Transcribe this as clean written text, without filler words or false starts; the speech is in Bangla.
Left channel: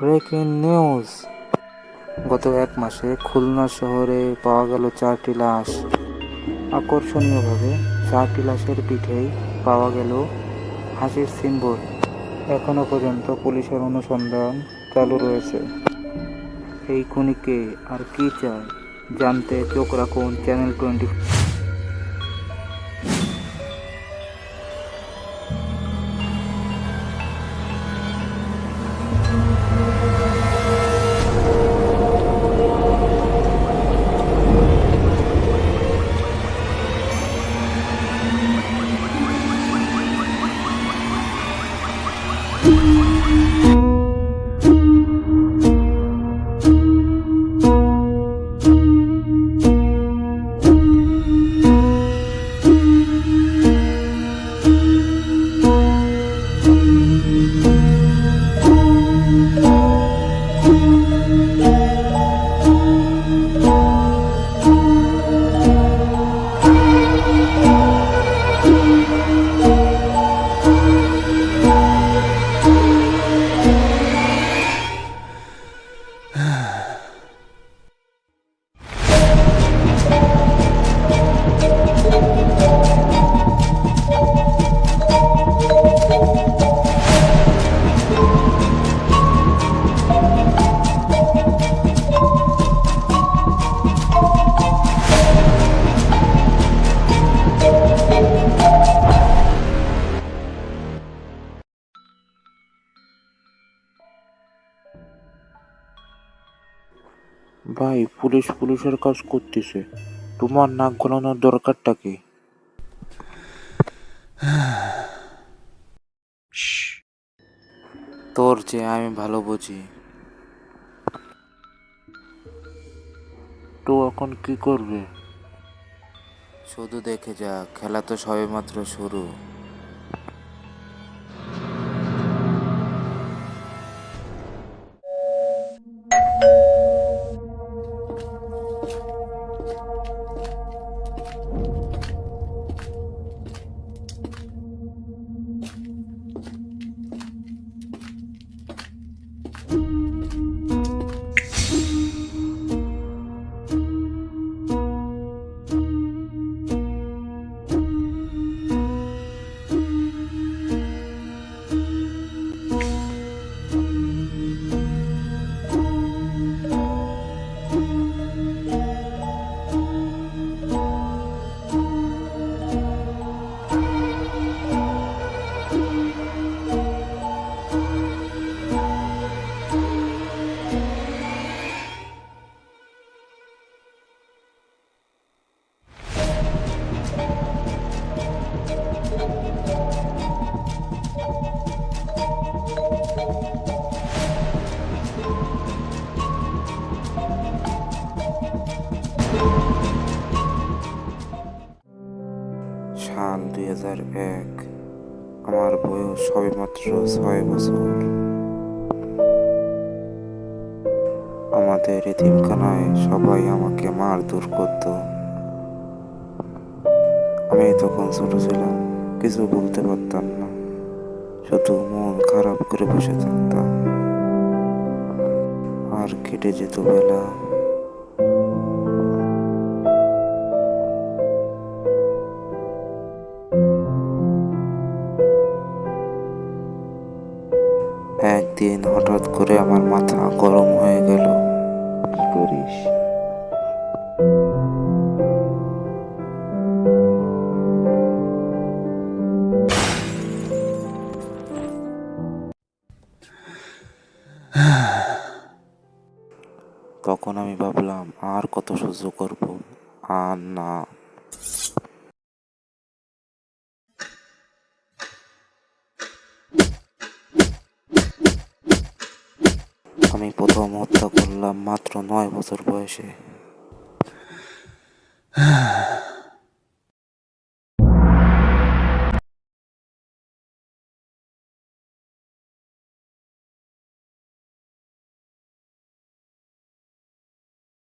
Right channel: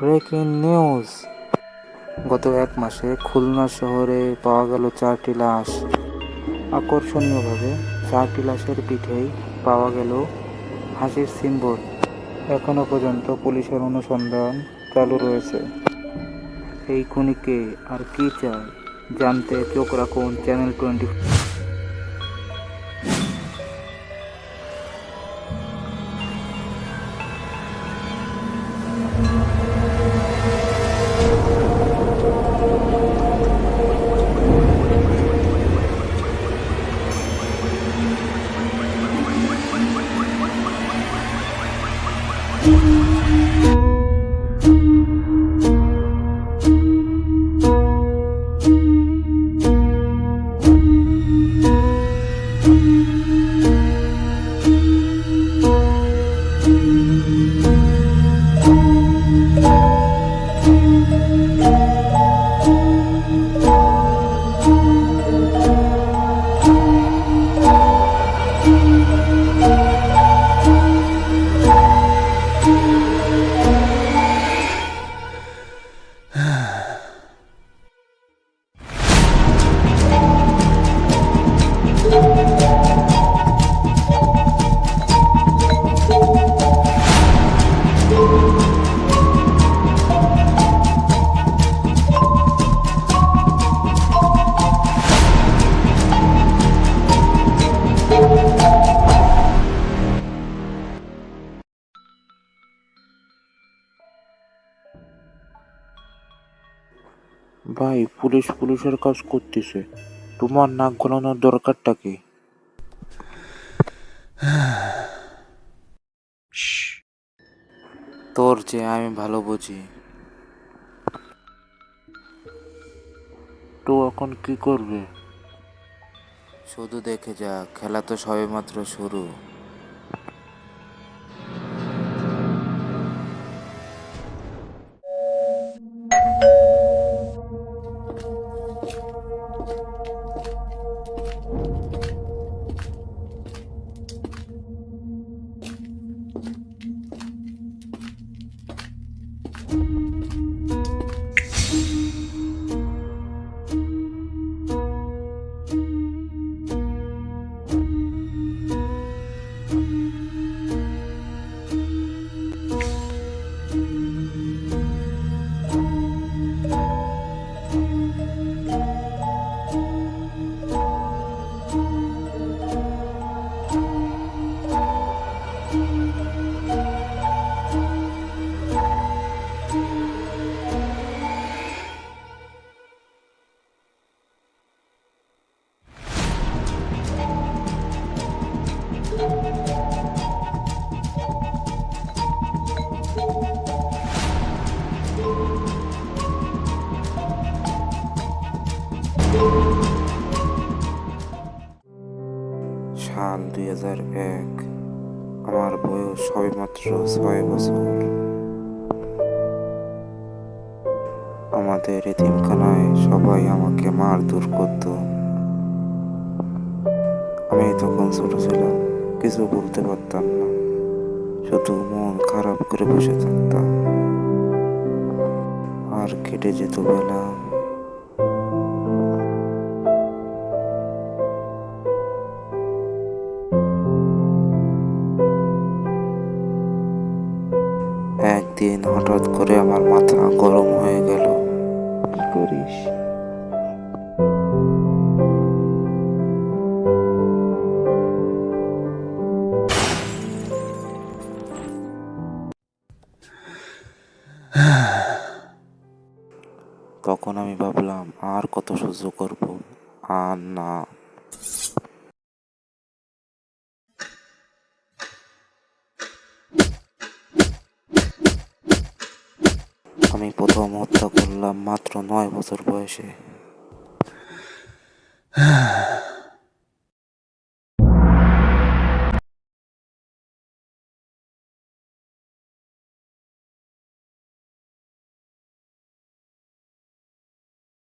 Breaking news! গত ১ মাসে খুলনা শহরে পাওয়া গেল ৪টি লাশ। আকর্ষণীয়ভাবে ৪টি লাশের পিঠেই পাওয়া গেল হাসির সিম্বল। এখনও পর্যন্ত পুলিশের অনুসন্ধান চালু রয়েছে। এই খুনি কে আর কি চায় জানতে চোখ রাখুন চ্যানেল 24। ভাই, পুলিশ পুলিশের কাজ করতেছে, তোমার নাক গলানোর দরকারটা কি? তোর চেয়ে আমি ভালো বুঝি। তো এখন কি করবে? শুধু দেখে যা, খেলা তো সবেমাত্র শুরু। সাল ২০০১। আমার বয়স সবেমাত্র ৬ বছর। আমাদের এতিমখানায় সবাই আমাকে মারধর করত। আমি তখন ছোট ছিলাম, কিছু বলতে পারতাম না, শুধু মন খারাপ করে বসে থাকতাম। আর কেটে যেত বেলা। একদিন হঠাৎ করে আমার মাথা গরম হয়ে গেল। কি করিস? তখন আমি ভাবলাম, আর কত সহ্য করব, আর না। আমি প্রথম হত্যা করলাম মাত্র ৯ বছর বয়সে।